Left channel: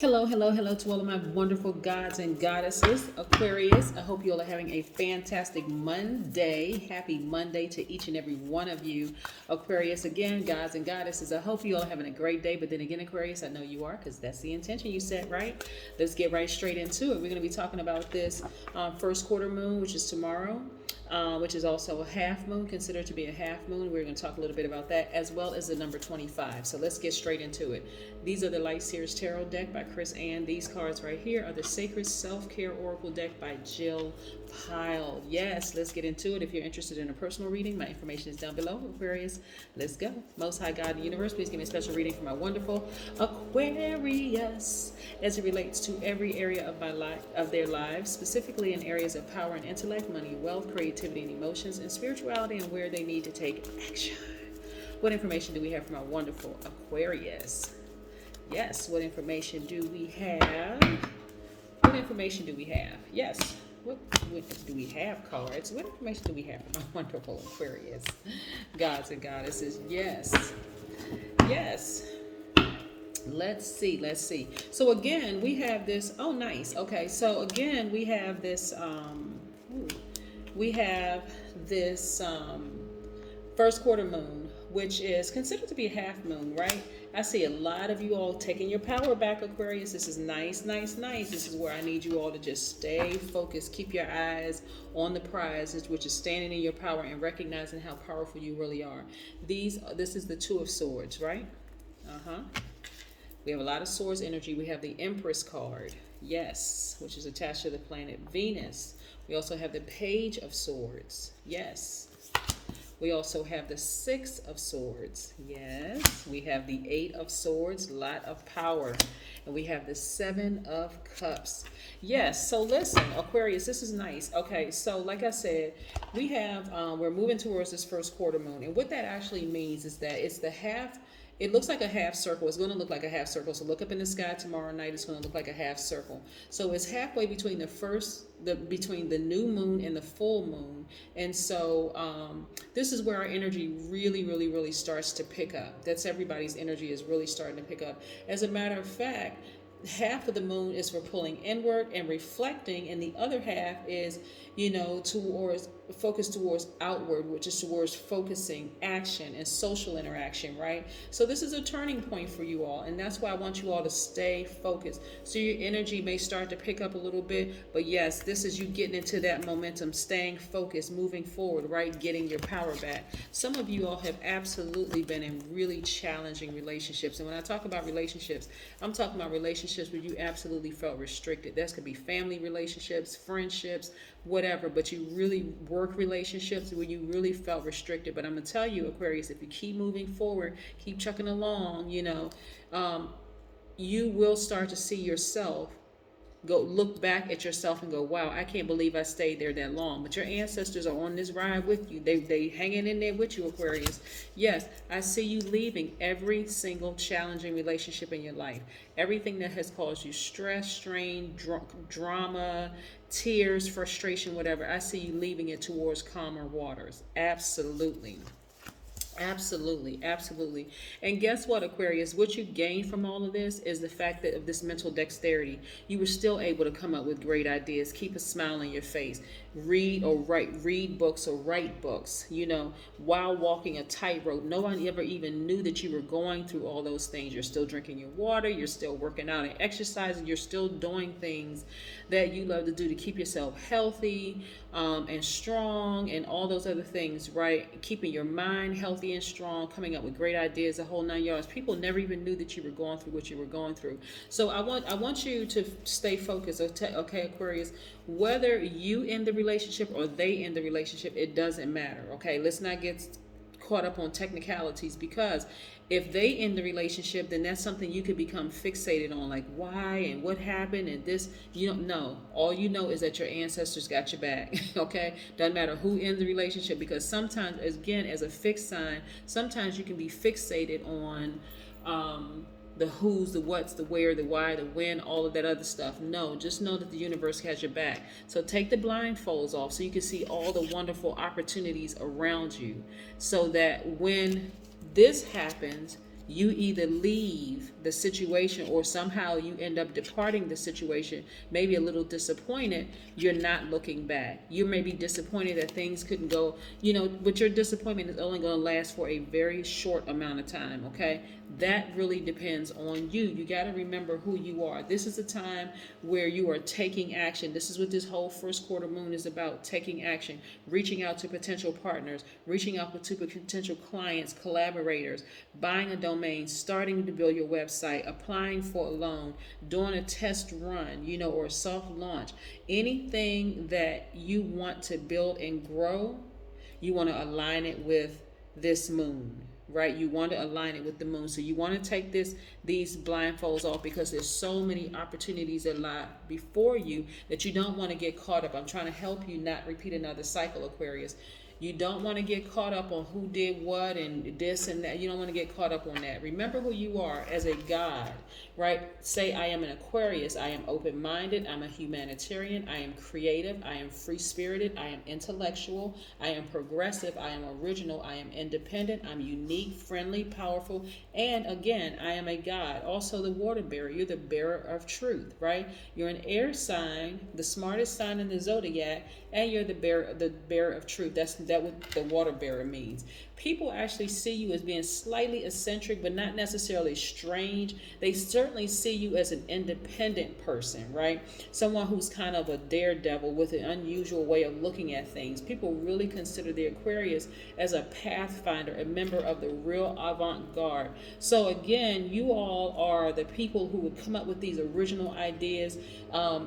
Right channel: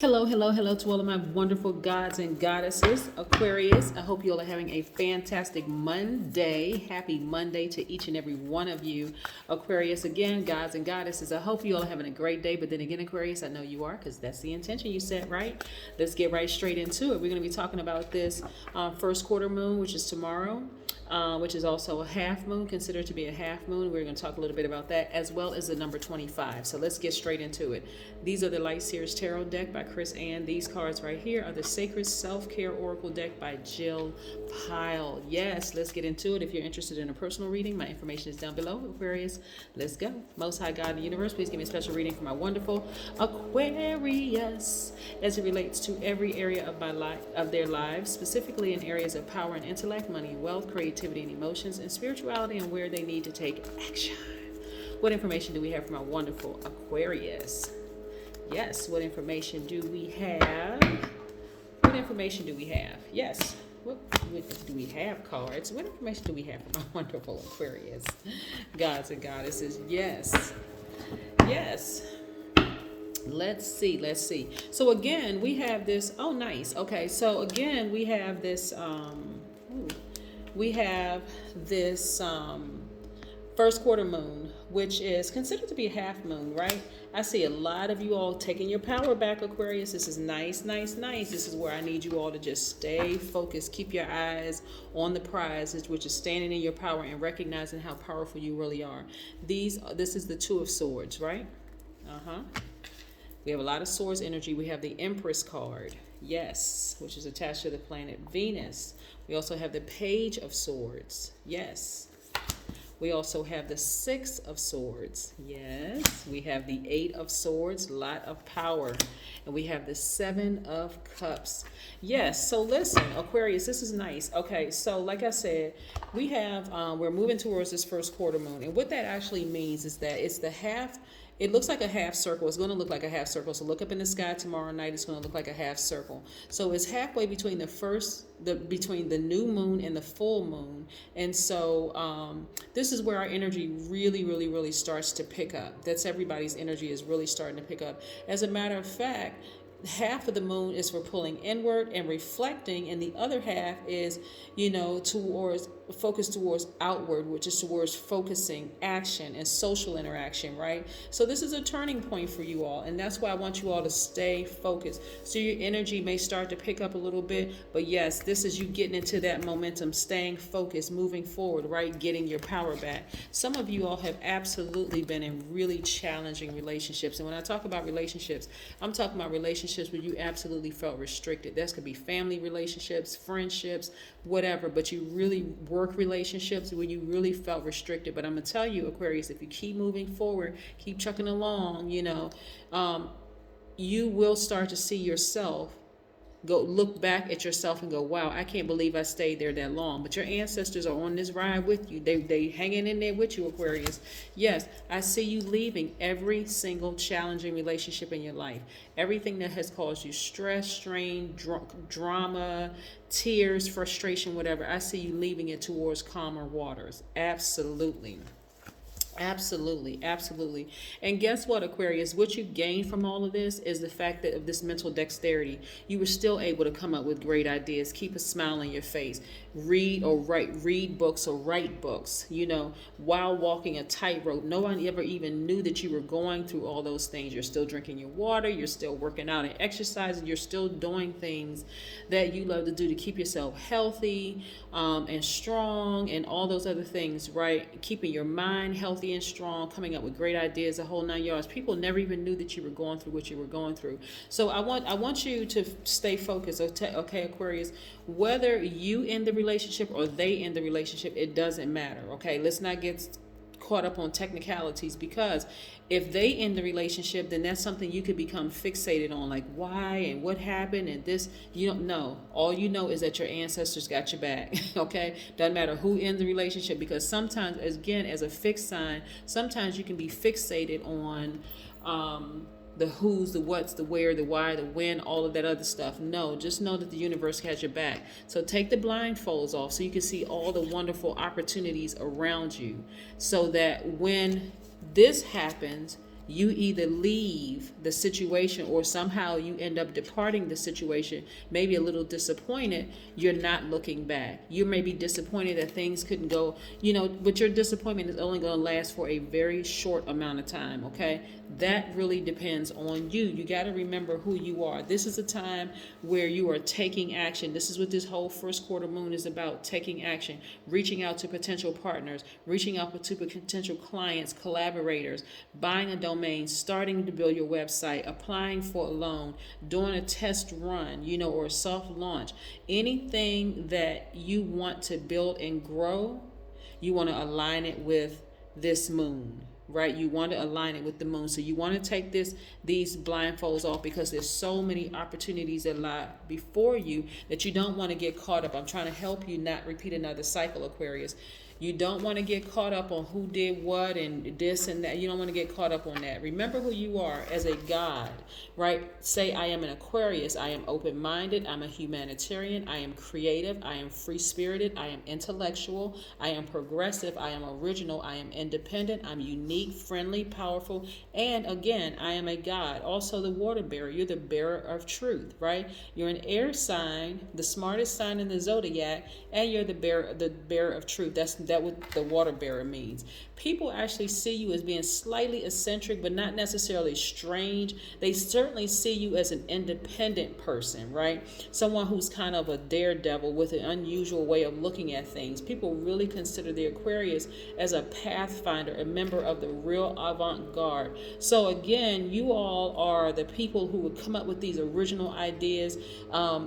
Hello, hello, hello to all of my wonderful gods and goddesses, Aquarius. I hope you all are having a fantastic Monday. Happy Monday to each and every one of you, Aquarius. Again, gods and goddesses, I hope you all are having a great day. But then again, Aquarius, I know you are, because that's the intention you set, right? Let's get right straight into it. We're going to be talking about this first quarter moon, which is tomorrow. Which is also a half moon, considered to be a half moon. We're going to talk a little bit about that, as well as the number 25. So let's get straight into it. These are the Light Series Tarot deck by Chris Ann. These cards right here are the Sacred Self-Care Oracle deck by Jill Pyle. Yes, let's get into it. If you're interested in a personal reading, my information is down below, Aquarius. Let's go. Most High God in the universe, please give me a special reading for my wonderful Aquarius as it relates to every area of my life, of their lives, specifically in areas of power and intellect, money, wealth, creativity, and emotions, and spirituality, and where they need to take action. What information do we have from our wonderful Aquarius? Yes, what information do we have? What information do we have? Yes, what do we have, cards? What information do we have from our wonderful Aquarius? Gods and goddesses, yes. Yes. Let's see. So again, we have this, oh nice. Okay, so again, we have this, first quarter moon, which is considered to be a half moon, right? I see a lot of you all taking your power back, Aquarius. This is nice. This is where I need you all to just stay focused. Keep your eyes on the prize, which is standing in your power and recognizing how powerful you really are. This is the Two of Swords, right? We have a lot of swords energy. We have the Empress card, yes, which is attached to the planet Venus. We also have the Page of Swords, yes. We also have the Six of Swords, yes. We have the Eight of Swords, lot of power. And we have the Seven of Cups. Yes, so listen, Aquarius, this is nice. Okay, so like I said, we have, we're moving towards this first quarter moon. And what that actually means is that it's the half. It looks like a half circle. It's going to look like a half circle. So look up in the sky tomorrow night. It's going to look like a half circle. So it's halfway between between the new moon and the full moon. And so this is where our energy really starts to pick up. That's everybody's energy is really starting to pick up. As a matter of fact, half of the moon is for pulling inward and reflecting, and the other half is, focused towards outward, which is towards focusing, action, and social interaction, right? So this is a turning point for you all, and that's why I want you all to stay focused. So your energy may start to pick up a little bit, but yes, this is you getting into that momentum, staying focused, moving forward, right? Getting your power back. Some of you all have absolutely been in really challenging relationships, and when I talk about relationships, I'm talking about relationships where you absolutely felt restricted. That could be family relationships, friendships, whatever, but you really work relationships where you really felt restricted. But I'm gonna tell you, Aquarius, if you keep moving forward, keep trucking along, you will start to see yourself go look back at yourself and go, wow, I can't believe I stayed there that long. But your ancestors are on this ride with you. They hanging in there with you, Aquarius. Yes, I see you leaving every single challenging relationship in your life. Everything that has caused you stress, strain, drama, tears, frustration, whatever. I see you leaving it towards calmer waters. Absolutely. Absolutely. And guess what, Aquarius? What you gain from all of this is the fact that of this mental dexterity, you were still able to come up with great ideas, keep a smile on your face, read books or write books, while walking a tightrope. No one ever even knew that you were going through all those things. You're still drinking your water, you're still working out and exercising, you're still doing things that you love to do to keep yourself healthy and strong and all those other things, right? Keeping your mind healthy and strong, coming up with great ideas, the whole 9 yards. People never even knew that you were going through what you were going through. So I want you to stay focused, okay, Aquarius? Whether you end the relationship or they end the relationship, it doesn't matter, okay? Let's not get caught up on technicalities, because if they end the relationship, then that's something you could become fixated on, like why and what happened and this. You don't know. All you know is that your ancestors got your back. Okay, doesn't matter who ends the relationship, because sometimes, again, as a fixed sign, sometimes you can be fixated on the who's, the what's, the where, the why, the when, all of that other stuff. No, just know that the universe has your back. So take the blindfolds off so you can see all the wonderful opportunities around you, so that when this happens, you either leave the situation or somehow you end up departing the situation, maybe a little disappointed, you're not looking back. You may be disappointed that things couldn't go, but your disappointment is only going to last for a very short amount of time, okay? That really depends on you. You got to remember who you are. This is a time where you are taking action. This is what this whole first quarter moon is about, taking action, reaching out to potential partners, reaching out to potential clients, collaborators, buying a domain, starting to build your website, applying for a loan, doing a test run, or a soft launch. Anything that you want to build and grow, you want to align it with this moon, right? You want to align it with the moon. So you want to take these blindfolds off, because there's so many opportunities that lie before you that you don't want to get caught up. I'm trying to help you not repeat another cycle, Aquarius. You don't want to get caught up on who did what and this and that. You don't want to get caught up on that. Remember who you are as a God, right? Say, I am an Aquarius. I am open-minded. I'm a humanitarian. I am creative. I am free-spirited. I am intellectual. I am progressive. I am original. I am independent. I'm unique, friendly, powerful. And again, I am a God. Also the water bearer. You're the bearer of truth, right? You're an air sign, the smartest sign in the Zodiac, and you're the bearer of truth. That's what the water bearer means. People actually see you as being slightly eccentric, but not necessarily strange. They certainly see you as an independent person, right? Someone who's kind of a daredevil with an unusual way of looking at things. People really consider the Aquarius as a pathfinder, a member of the real avant-garde. So again, you all are the people who would come up with these original ideas,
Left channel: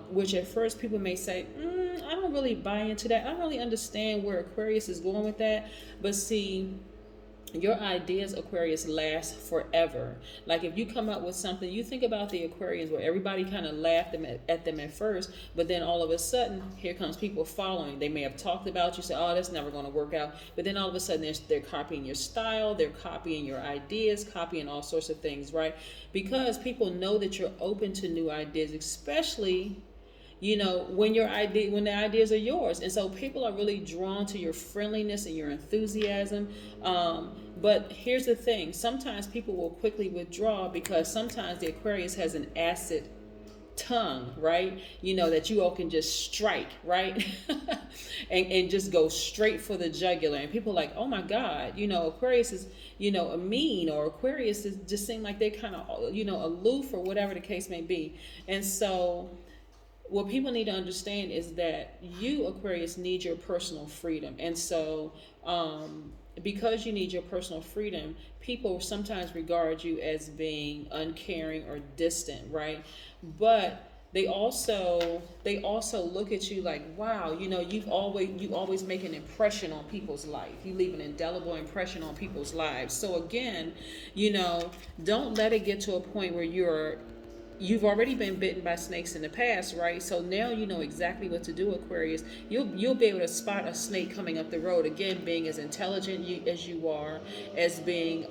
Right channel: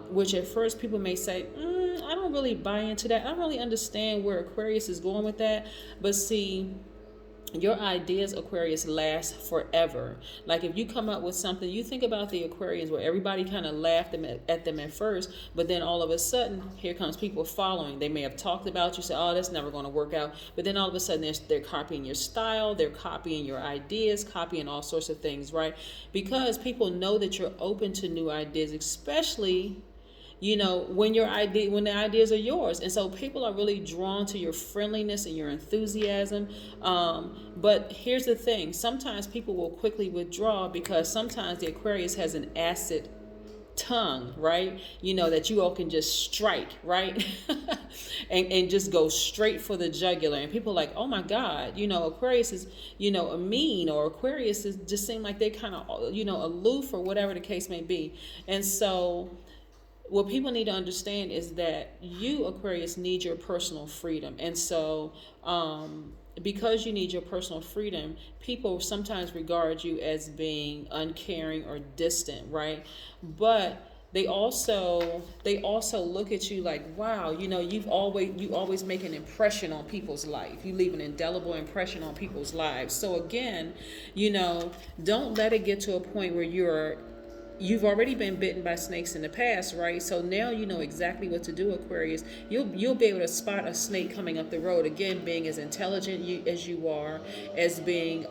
which at first people may say, I don't really buy into that. I don't really understand where Aquarius is going with that. But see, your ideas, Aquarius, last forever. Like if you come up with something, you think about the Aquarians where everybody kind of laughed at them at first, but then all of a sudden, here comes people following. They may have talked about you, say, oh, that's never going to work out. But then all of a sudden, they're copying your style, they're copying your ideas, copying all sorts of things, right? Because people know that you're open to new ideas, especially when the ideas are yours. And so people are really drawn to your friendliness and your enthusiasm. But here's the thing. Sometimes people will quickly withdraw because sometimes the Aquarius has an acid tongue, right? That you all can just strike, right? and just go straight for the jugular. And people are like, oh my God, Aquarius is, a mean, or Aquarius is just seem like they kind of, aloof, or whatever the case may be. And so what people need to understand is that you, Aquarius, need your personal freedom. And so because you need your personal freedom, people sometimes regard you as being uncaring or distant, right? But they also look at you like, wow, you always make an impression on people's life. You leave an indelible impression on people's lives. So again, don't let it get to a point where you've already been bitten by snakes in the past, right? So now you know exactly what to do, Aquarius. You'll be able to spot a snake coming up the road. Again, being as intelligent as you are, as being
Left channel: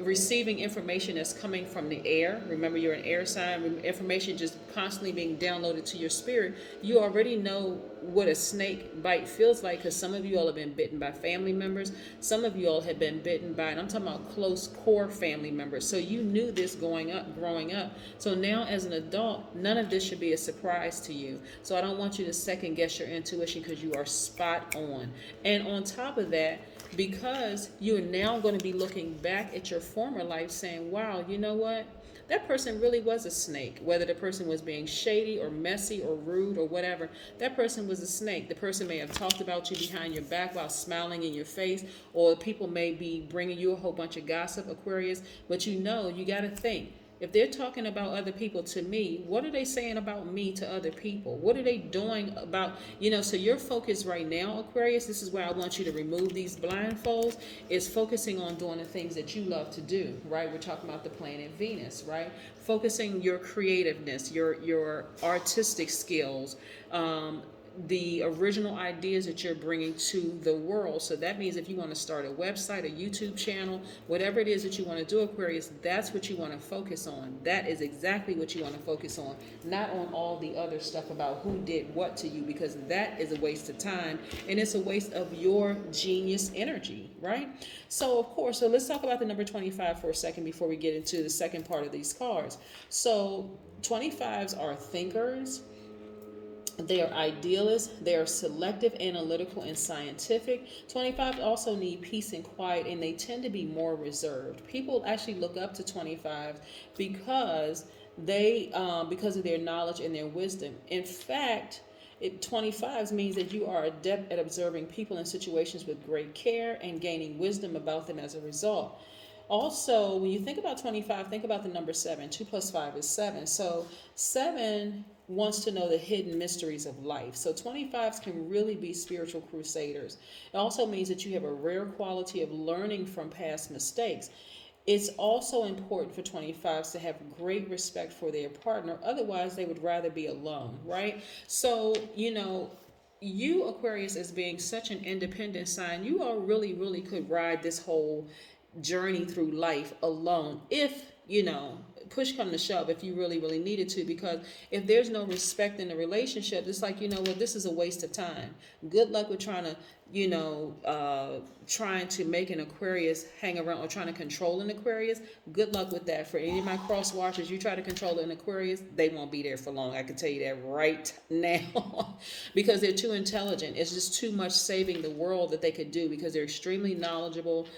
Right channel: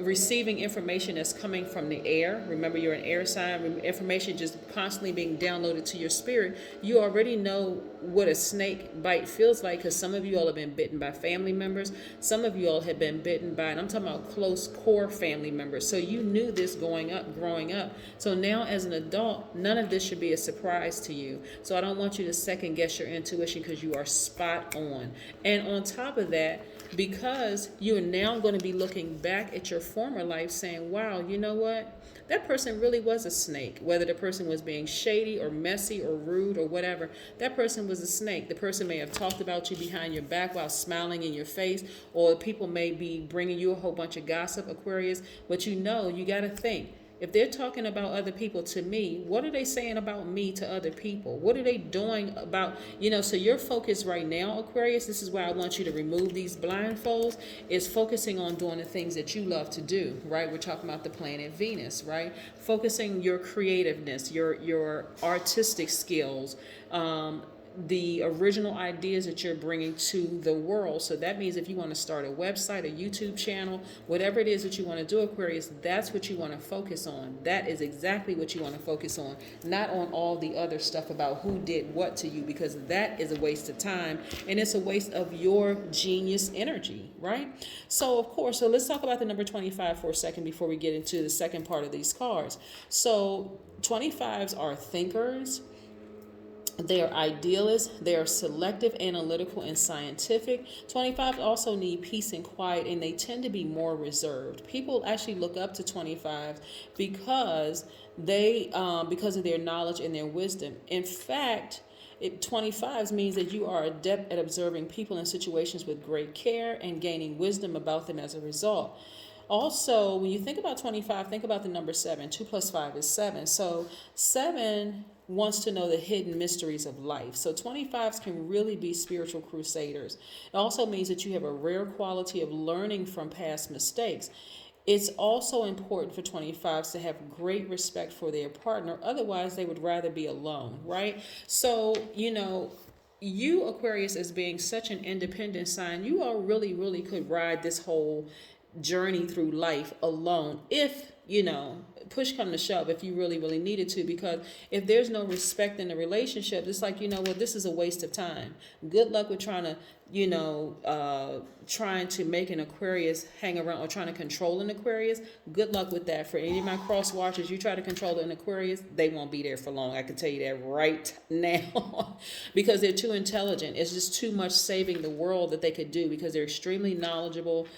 receiving information that's coming from the air. Remember, you're an air sign. Information just constantly being downloaded to your spirit. You already know what a snake bite feels like, because some of you all have been bitten by family members. Some of you all have been bitten by, and I'm talking about close core family members. So you knew this growing up. So now as an adult, none of this should be a surprise to you. So I don't want you to second guess your intuition, because you are spot on. And on top of that, because you're now going to be looking back at your former life saying, wow, you know what? That person really was a snake. Whether the person was being shady or messy or rude or whatever, that person was a snake. The person may have talked about you behind your back while smiling in your face, or people may be bringing you a whole bunch of gossip, Aquarius. But you got to think. If they're talking about other people to me, what are they saying about me to other people? What are they doing about, so your focus right now, Aquarius, this is where I want you to remove these blindfolds, is focusing on doing the things that you love to do, right? We're talking about the planet Venus, right? Focusing your creativeness, your artistic skills, the original ideas that you're bringing to the world. So that means if you want to start a website, a YouTube channel, whatever it is that you want to do, Aquarius, that's what you want to focus on. That is exactly what you want to focus on, not on all the other stuff about who did what to you, because that is a waste of time and it's a waste of your genius energy, right? So of course, so let's talk about the number 25 for a second before we get into the second part of these cards. So 25s are thinkers. They are idealists. They are selective, analytical, and scientific. 25 also need peace and quiet, and they tend to be more reserved. People actually look up to 25 because because of their knowledge and their wisdom. In fact, 25s means that you are adept at observing people and situations with great care and gaining wisdom about them as a result. Also, when you think about 25, think about the number 7. 2 plus 5 is 7. So 7 wants to know the hidden mysteries of life. So 25s can really be spiritual crusaders. It also means that you have a rare quality of learning from past mistakes. It's also important for 25s to have great respect for their partner. Otherwise, they would rather be alone, right? So, you, Aquarius, as being such an independent sign, you all really, really could ride this whole journey through life alone if push come to shove, if you really, really needed to, because if there's no respect in the relationship, it's like, this is a waste of time. Good luck with trying to make an Aquarius hang around or trying to control an Aquarius. Good luck with that. For any of my cross watchers, you try to control an Aquarius, they won't be there for long. I can tell you that right now because they're too intelligent. It's just too much saving the world that they could do because they're extremely knowledgeable,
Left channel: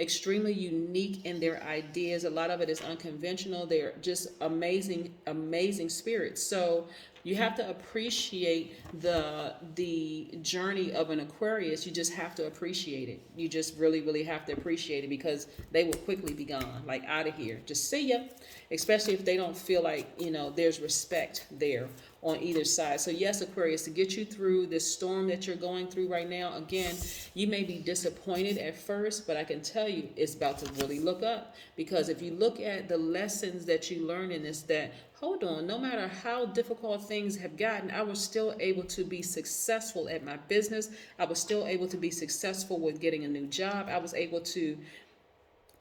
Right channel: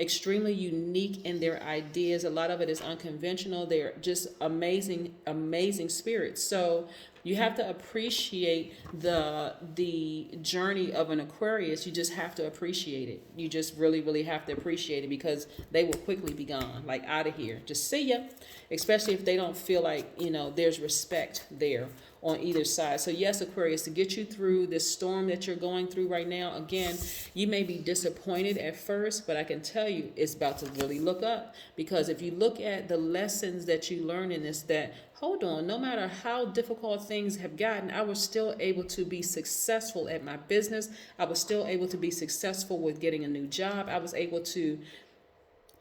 extremely unique in their ideas. A lot of it is unconventional. They're just amazing, amazing spirits. So you have to appreciate the journey of an Aquarius. You just have to appreciate it. You just really, really have to appreciate it because they will quickly be gone, like out of here. Just see ya. Especially if they don't feel like, there's respect there on either side. So yes, Aquarius, to get you through this storm that you're going through right now, again, you may be disappointed at first, but I can tell you it's about to really look up, because if you look at the lessons that you learn in this, that hold on, no matter how difficult things have gotten, I was still able to be successful at my business. I was still able to be successful with getting a new job. I was able to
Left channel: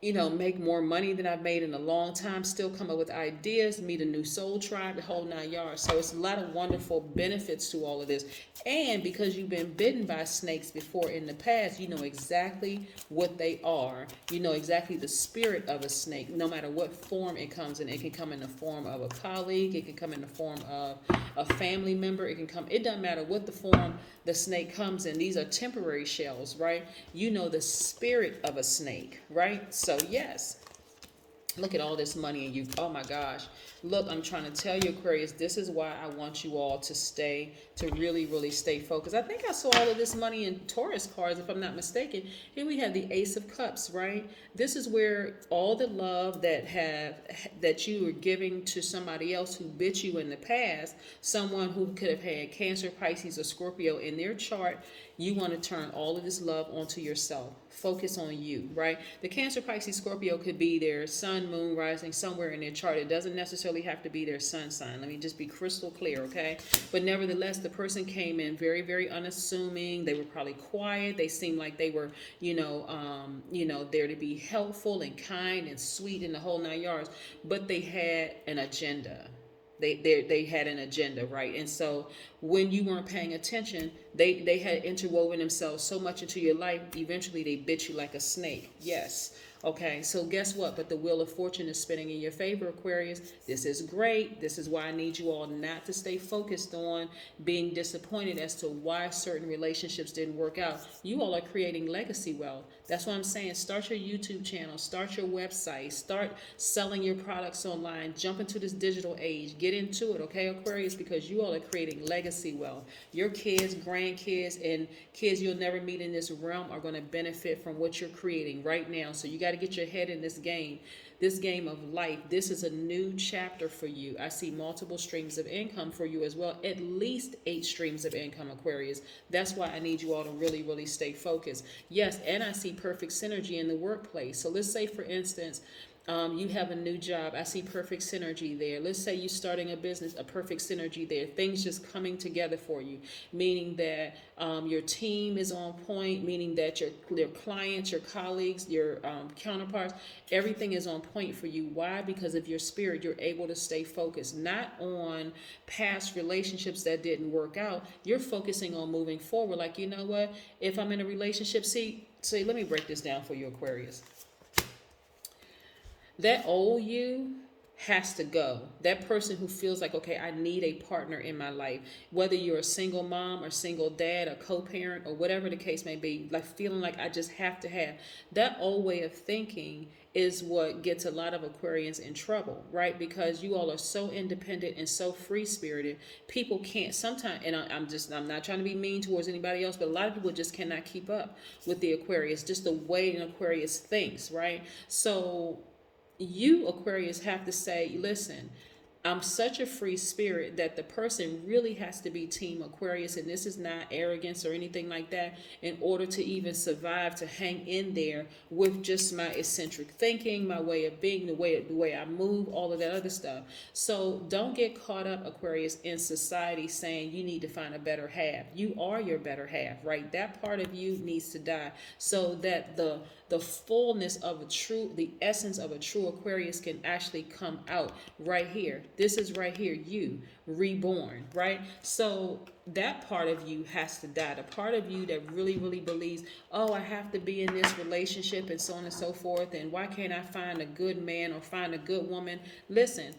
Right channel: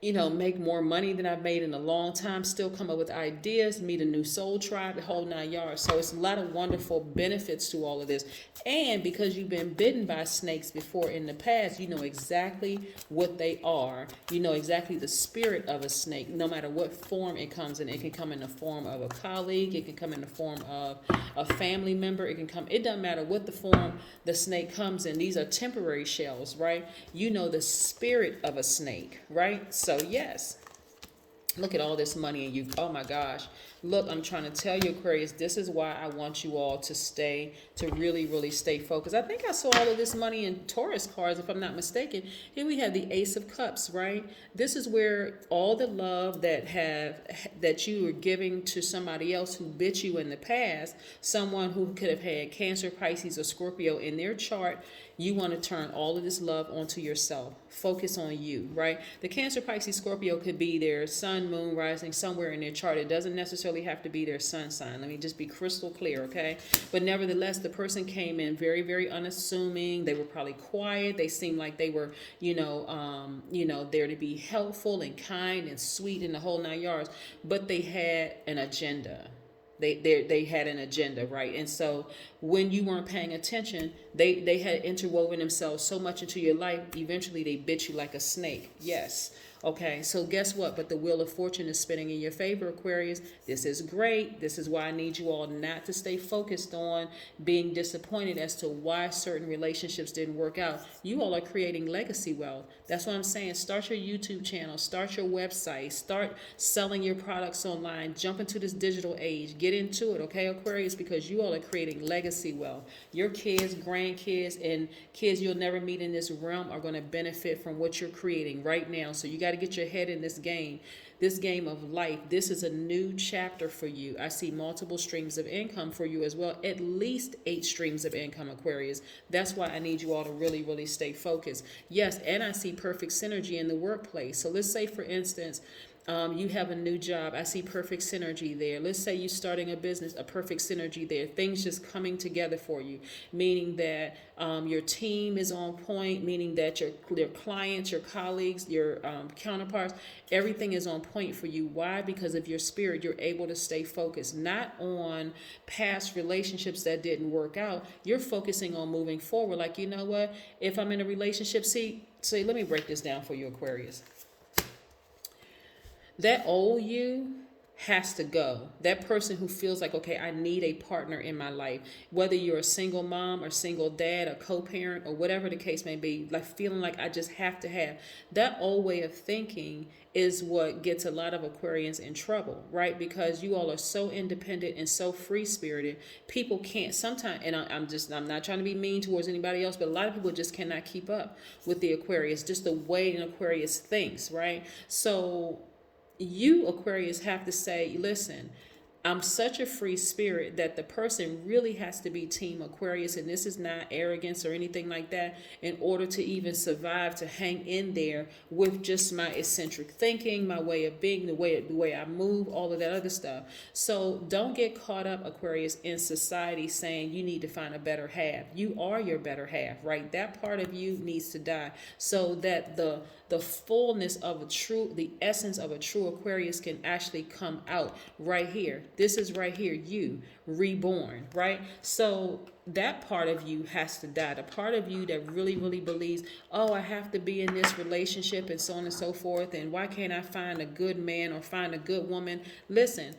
make more money than I've made in a long time, still come up with ideas, meet a new soul tribe, the whole 9 yards. So it's a lot of wonderful benefits to all of this. And because you've been bitten by snakes before in the past, you know exactly what they are. You know exactly the spirit of a snake, no matter what form it comes in. It can come in the form of a colleague. It can come in the form of a family member. It doesn't matter what the form the snake comes in. These are temporary shells, right? You know the spirit of a snake, right? So yes, look at all this money and oh my gosh. Look, I'm trying to tell you, Aquarius, this is why I want you all to really, really stay focused. I think I saw all of this money in Taurus cards, if I'm not mistaken. Here we have the Ace of Cups, right? This is where all the love that you were giving to somebody else who bit you in the past, someone who could have had Cancer, Pisces, or Scorpio in their chart, you want to turn all of this love onto yourself. Focus on you, right? The Cancer, Pisces, Scorpio could be their sun, moon, rising somewhere in their chart. It doesn't necessarily have to be their sun sign. Let me just be crystal clear, okay? But nevertheless, the person came in very, very unassuming. They were probably quiet. They seemed like they were, there to be helpful and kind and sweet in the whole 9 yards. But they had an agenda. They had an agenda, right? And so when you weren't paying attention, they had interwoven themselves so much into your life, eventually they bit you like a snake. Yes. Okay, so guess what? But the wheel of fortune is spinning in your favor, Aquarius. This is great. This is why I need you all not to stay focused on being disappointed as to why certain relationships didn't work out. You all are creating legacy wealth. That's what I'm saying. Start your YouTube channel. Start your website. Start selling your products online. Jump into this digital age. Get into it, okay, Aquarius? Because you all are creating legacy wealth. Your kids, grandkids, and kids you'll never meet in this realm are going to benefit from what you're creating right now. So you got to get your head in this game of life. This is a new chapter for you. I see multiple streams of income for you as well, at least 8 streams of income, Aquarius. That's why I need you all to really, really stay focused. Yes, and I see perfect synergy in the workplace. So let's say, for instance, You have a new job. I see perfect synergy there. Let's say you're starting a business, a perfect synergy there. Things just coming together for you, meaning that your team is on point, meaning that your clients, your colleagues, your counterparts, everything is on point for you. Why? Because of your spirit, you're able to stay focused, not on past relationships that didn't work out. You're focusing on moving forward. Like, you know what? If I'm in a relationship, let me break this down for you, Aquarius. That old you has to go. That person who feels like, okay, I need a partner in my life, whether you're a single mom or single dad, a co-parent, or whatever the case may be, like feeling like I just have to have that old way of thinking is what gets a lot of Aquarians in trouble, right? Because you all are so independent and so free-spirited. People can't sometimes, and I'm not trying to be mean towards anybody else, but a lot of people just cannot keep up with the Aquarius, just the way an Aquarius thinks, right? So you, Aquarius, have to say, listen, I'm such a free spirit that the person really has to be Team Aquarius, and this is not arrogance or anything like that, in order to even survive, to hang in there with just my eccentric thinking, my way of being, the way I move, all of that other stuff. So don't get caught up, Aquarius, in society saying you need to find a better half. You are your better half, right? That part of you needs to die so that the fullness of the essence of a true Aquarius can actually come out right here. This is right here, you reborn, right? So that part of you has to die. The part of you that really, really believes, oh, I have to be in this relationship and so on and so forth, and why can't I find a good man or find a good woman? Listen,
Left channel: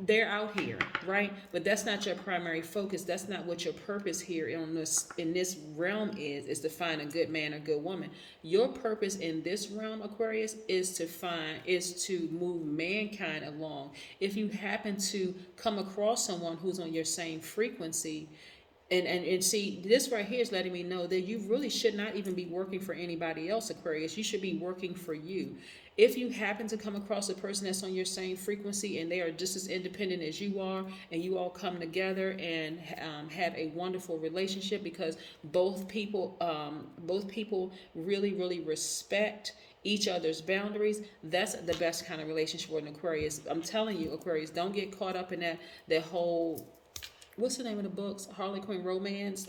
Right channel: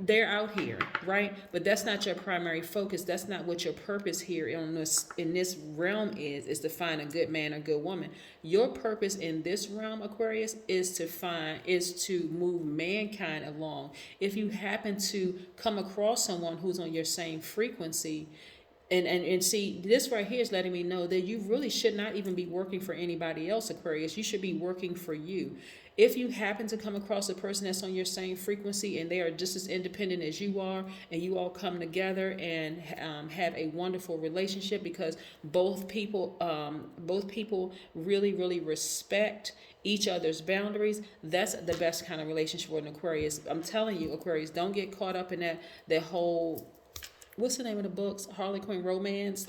they're out here, right? But that's not your primary focus. That's not what your purpose here in this realm is to find a good man or good woman. Your purpose in this realm, Aquarius, is to move mankind along. If you happen to come across someone who's on your same frequency, and see, this right here is letting me know that you really should not even be working for anybody else, Aquarius. You should be working for you. If you happen to come across a person that's on your same frequency and they are just as independent as you are, and you all come together and have a wonderful relationship because both people really, really respect each other's boundaries, that's the best kind of relationship with an Aquarius. I'm telling you, Aquarius, don't get caught up in that whole, what's the name of the books? Harlequin romance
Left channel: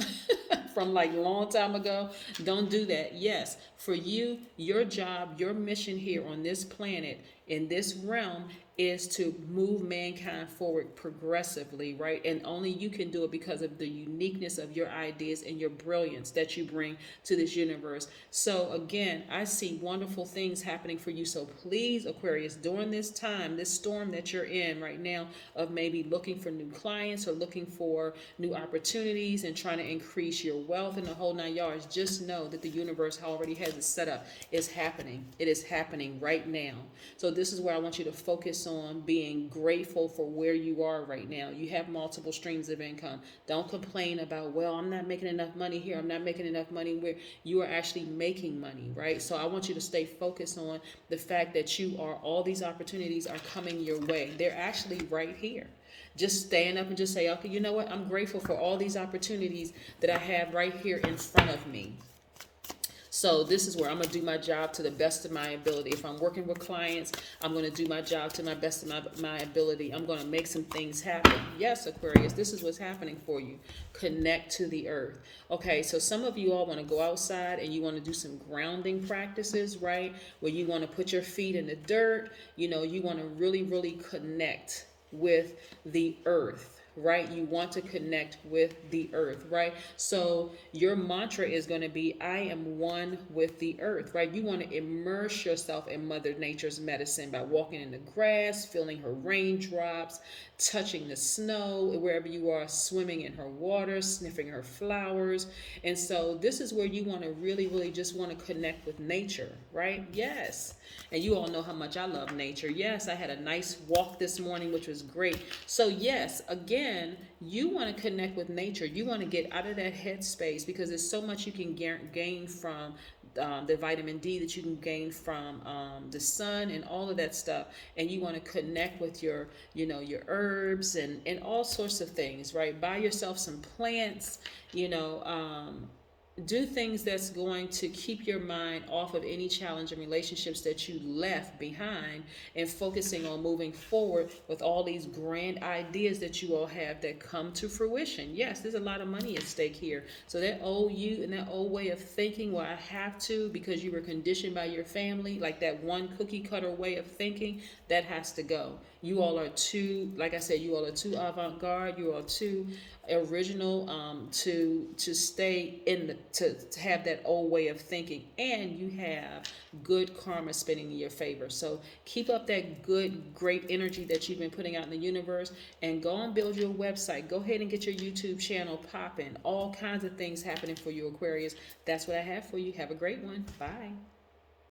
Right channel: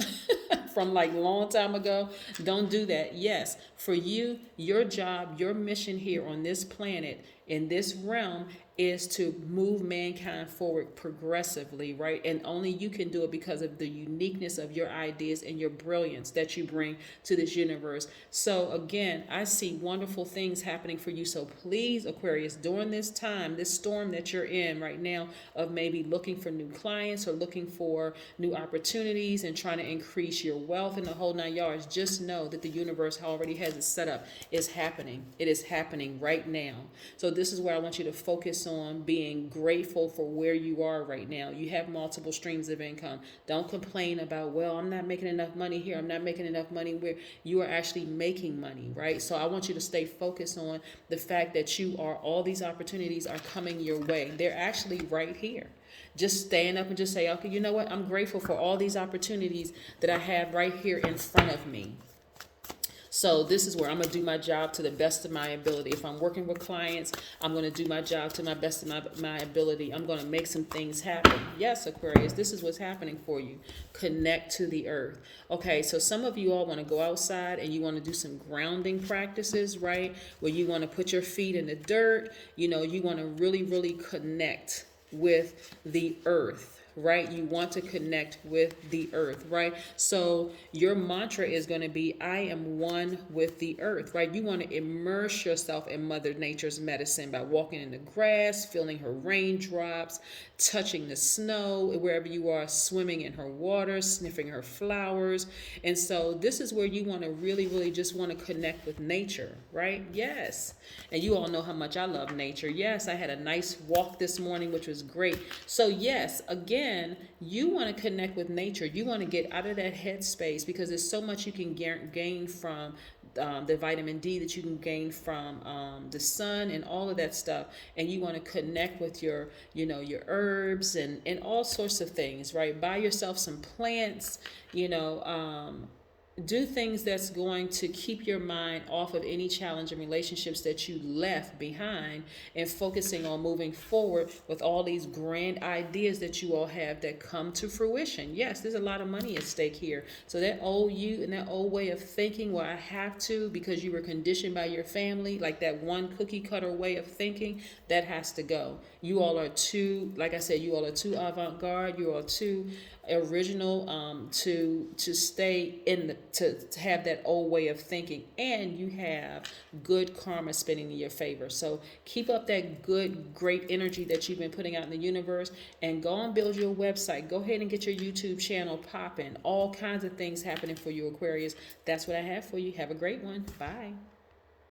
from like a long time ago. Don't do that. Yes, for you, your job, your mission here on this planet, in this realm, is to move mankind forward progressively, right? And only you can do it because of the uniqueness of your ideas and your brilliance that you bring to this universe. So again, I see wonderful things happening for you. So please, Aquarius, during this time, this storm that you're in right now of maybe looking for new clients or looking for new opportunities and trying to increase your wealth in the whole 9 yards, just know that the universe already has it set up. It's happening. It is happening right now. So this is where I want you to focus on being grateful for where you are right now. You have multiple streams of income. Don't complain about, well, I'm not making enough money here, I'm not making enough money where. You are actually making money, right? So I want you to stay focused on the fact that all these opportunities are coming your way. They're actually right here. Just stand up and just say, okay, you know what? I'm grateful for all these opportunities that I have right here in front of me. So this is where I'm going to do my job to the best of my ability. If I'm working with clients, I'm going to do my job to my best of my ability. I'm going to make some things happen. Yes, Aquarius, this is what's happening for you. Connect to the earth. Okay, so some of you all want to go outside and you want to do some grounding practices, right? Where you want to put your feet in the dirt. You want to really, really connect with the earth. Right? You want to connect with the earth, right? So your mantra is going to be, I am one with the earth, right? You want to immerse yourself in Mother Nature's medicine by walking in the grass, feeling her raindrops, touching the snow, wherever you are, swimming in her water, sniffing her flowers. And so this is where you want to really, really just want to connect with nature, right? Yes. And you all know how much I love nature. Yes, I had a nice walk this morning, which was great. So yes, again, you want to connect with nature. You want to get out of that headspace because there's so much you can gain from the vitamin D that you can gain from the sun and all of that stuff. And you want to connect with your herbs and all sorts of things, right? Buy yourself some plants, do things that's going to keep your mind off of any challenging relationships that you left behind, and focusing on moving forward with all these grand ideas that you all have that come to fruition. Yes, there's a lot of money at stake here. So that old you and that old way of thinking, well, I have to because you were conditioned by your family, like that one cookie cutter way of thinking, that has to go. You all are too, like I said, you all are too avant-garde. You are too original to stay in to have that old way of thinking, and you have good karma spinning in your favor. So keep up that good, great energy that you've been putting out in the universe, and go and build your website. Go ahead and get your YouTube channel popping. All kinds of things happening for you, Aquarius. That's what I have for you. Have a great one. Bye.